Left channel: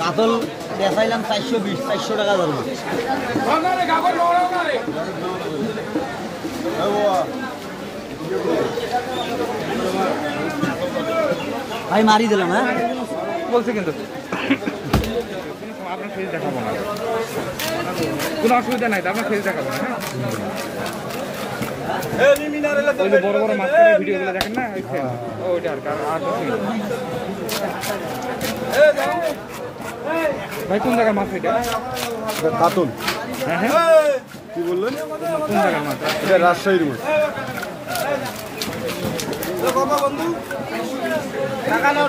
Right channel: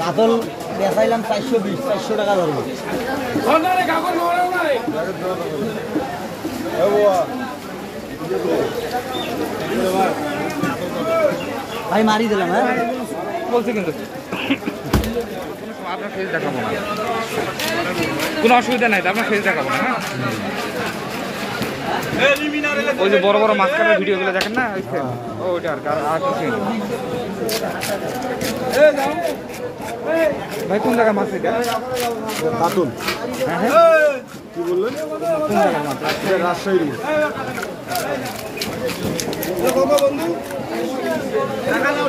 কাতল দেখাইলাম 420 400 টাকা ধরবো ভাই মারি দিলাম হ্যাঁ বলছি কিন্তু আপনার ফেস দেখাবো না কোনো অসুবিধা নাই তো আপনার ফেস দেখাবো না হ্যাঁ ওই যে বড় বড় মাছ কাটার ভিডিওগুলো দেখেন না ওইটা আর কিছু ভাই কোন জায়গার মাছ এটা কাতল হ্যাঁ হ্যাঁ কি বললেন কোন জায়গার মাছ রাজশাহী বন্ধু টাকা নাও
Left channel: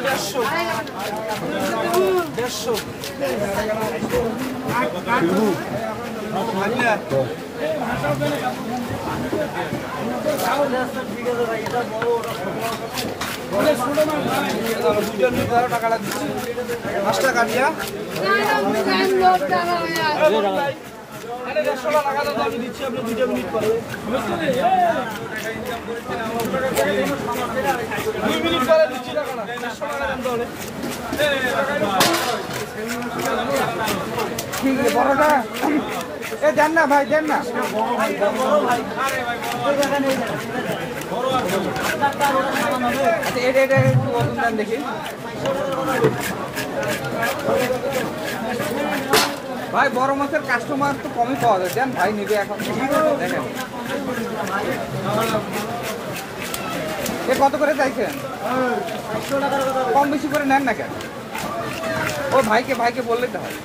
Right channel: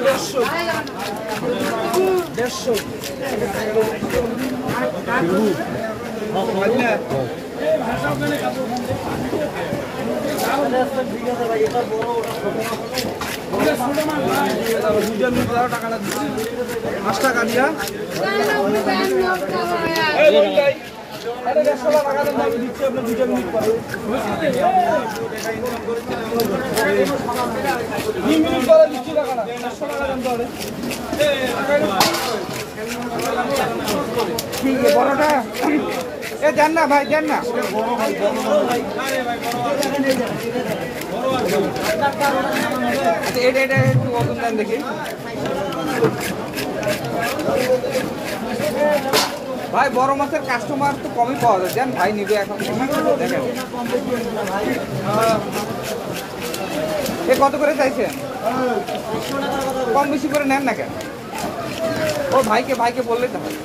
150 টাকা দিয়া ঠিক আছে বড়টা এ দেন না ভাই দেন না আচ্ছা এটা একটু ওজন দেন দেখি ভাই বড় মাছের কাস্টমার তো কমই পাওয়া যায় দেন ভাই নিবে এখন দেখেন এ কত করে চাইছেন কম বেশি করে নেন না কেন ও ভাইকে বললেই তো হয়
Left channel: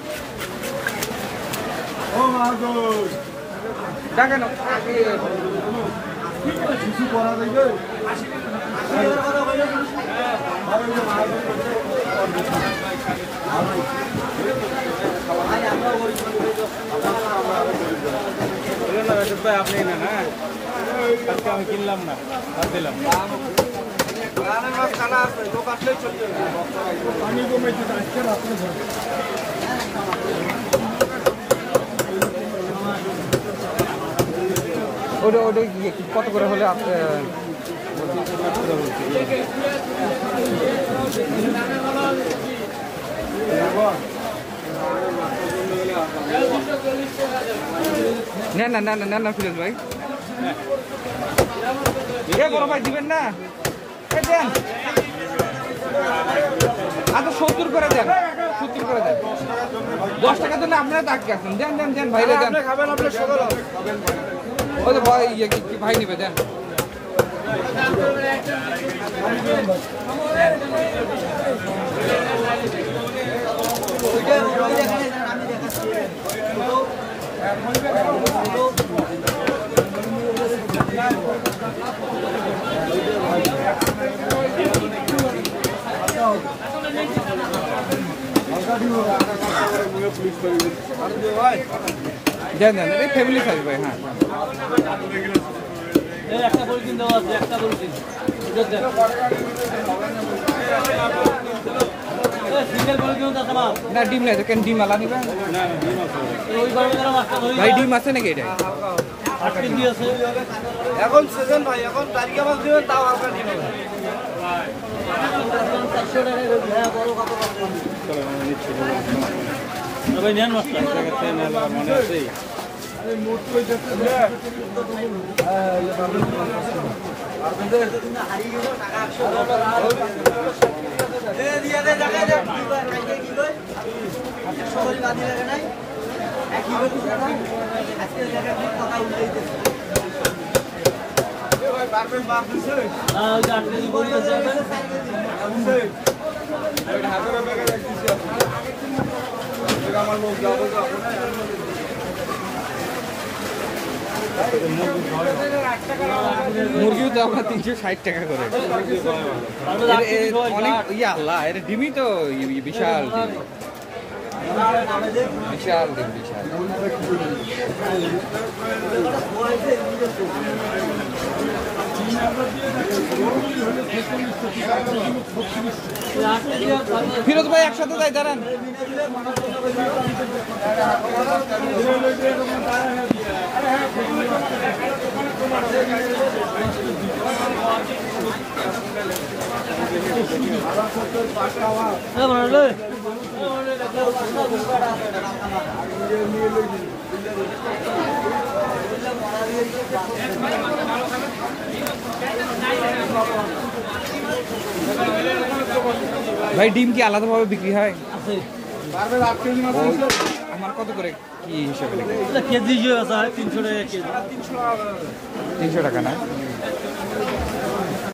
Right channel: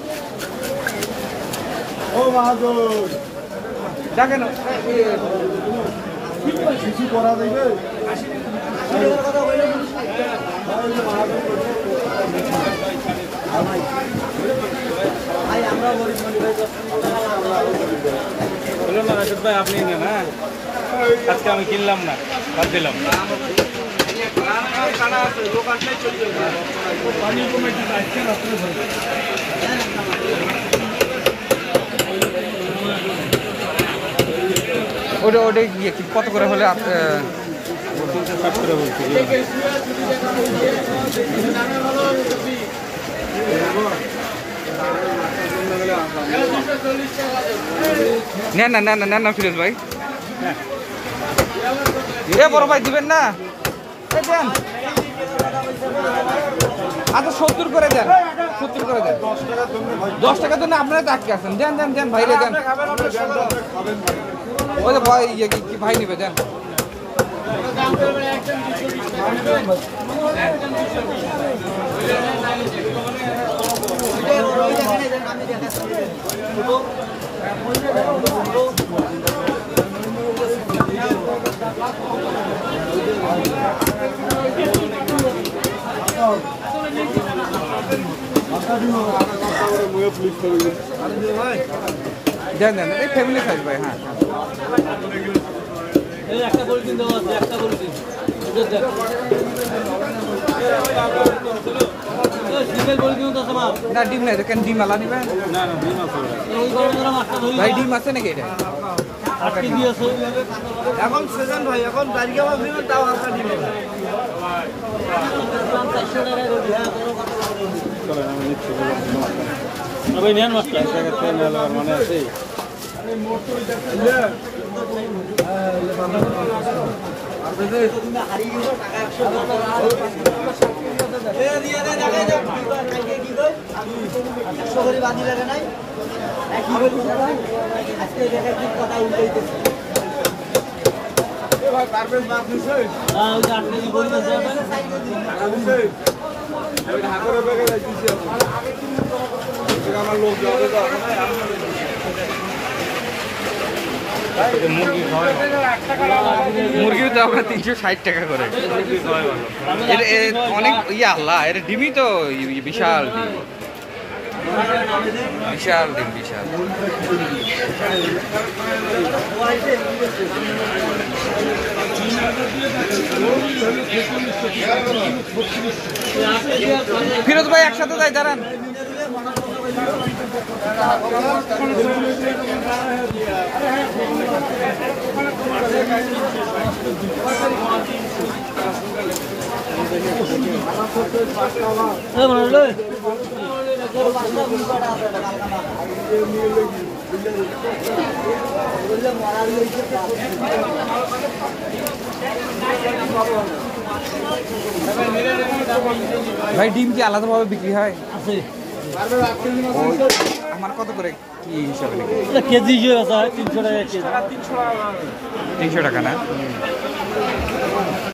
দেখেন কিছু করা যাবে আপনি না আজকে আমি কিনলাম না বাদ দিলাম ওটা গিয়ে কত করে হলে নেন না ফিরোজ ভাই এ বড় ভাই দিবেন না দেন আচ্ছা 70 করে দেন 70 করে দেন 10 টাকার জন্য আপনারা তো আটকে আছেন দেন ভাইরে দেন ওই যে ভাই কি ভাই নিবে দেন দেন এই ফ্যামিলি সাইজ ভাই হ্যাঁ একটা পলিথিন দেওয়া আছে একটা পলিথিন সিঙ্গেল পলিথিন আছে না ডিম নাই কেন ডিম আলা নিবেন না ডিম আছে ওই গরমে মাছটা ধরি ভাই ডিম আছে নাকি এটা 8 কেজি আছে এখন সিজন ভাই এখন গাড়িকে মাছ দিবেন তাও আপনি ডিম ভাই 400 টাকা রোজ ভাই বড় কত চলে আমি নিচ্ছি ভাই নেন মাছটা এই জায়গা থেকে নেওয়ার মানে আছে মোট তো এটা তুমি হারিয়ে গেছো টাকা 100 এ দিয়া দে কি কই 100 করে বাঁধি লাগে নাই কি বলি দাদা আজকে জায়গা ঠিক কথা উল্টাইতেছে ভাই বাপের বাপ দিছে হ্যাঁ ওই 8 কেজি বলি আছে ওই ঢাকার ব্যাগে যাইতেছি আমার লোক যাবে তো মুরগির তো আমরা 360 টাকা করে অনেক ইয়ে আল্লাহ এর ডিমই তো বিশাল ডিম বিশাল ফিরোজ ভাই একসাথে যাই দাঁড়ান 500 20 টাকা আছে এটা কালকা মাথা বললে মরা দিয়েছে ভাই ডিম কি আলাদাভাবে বিক্রি হয়? আছে ওই আমার কত করে কি হিসাবে? কেজি হিসেবে আছে 300 টাকা কেজি 300 টাকা না?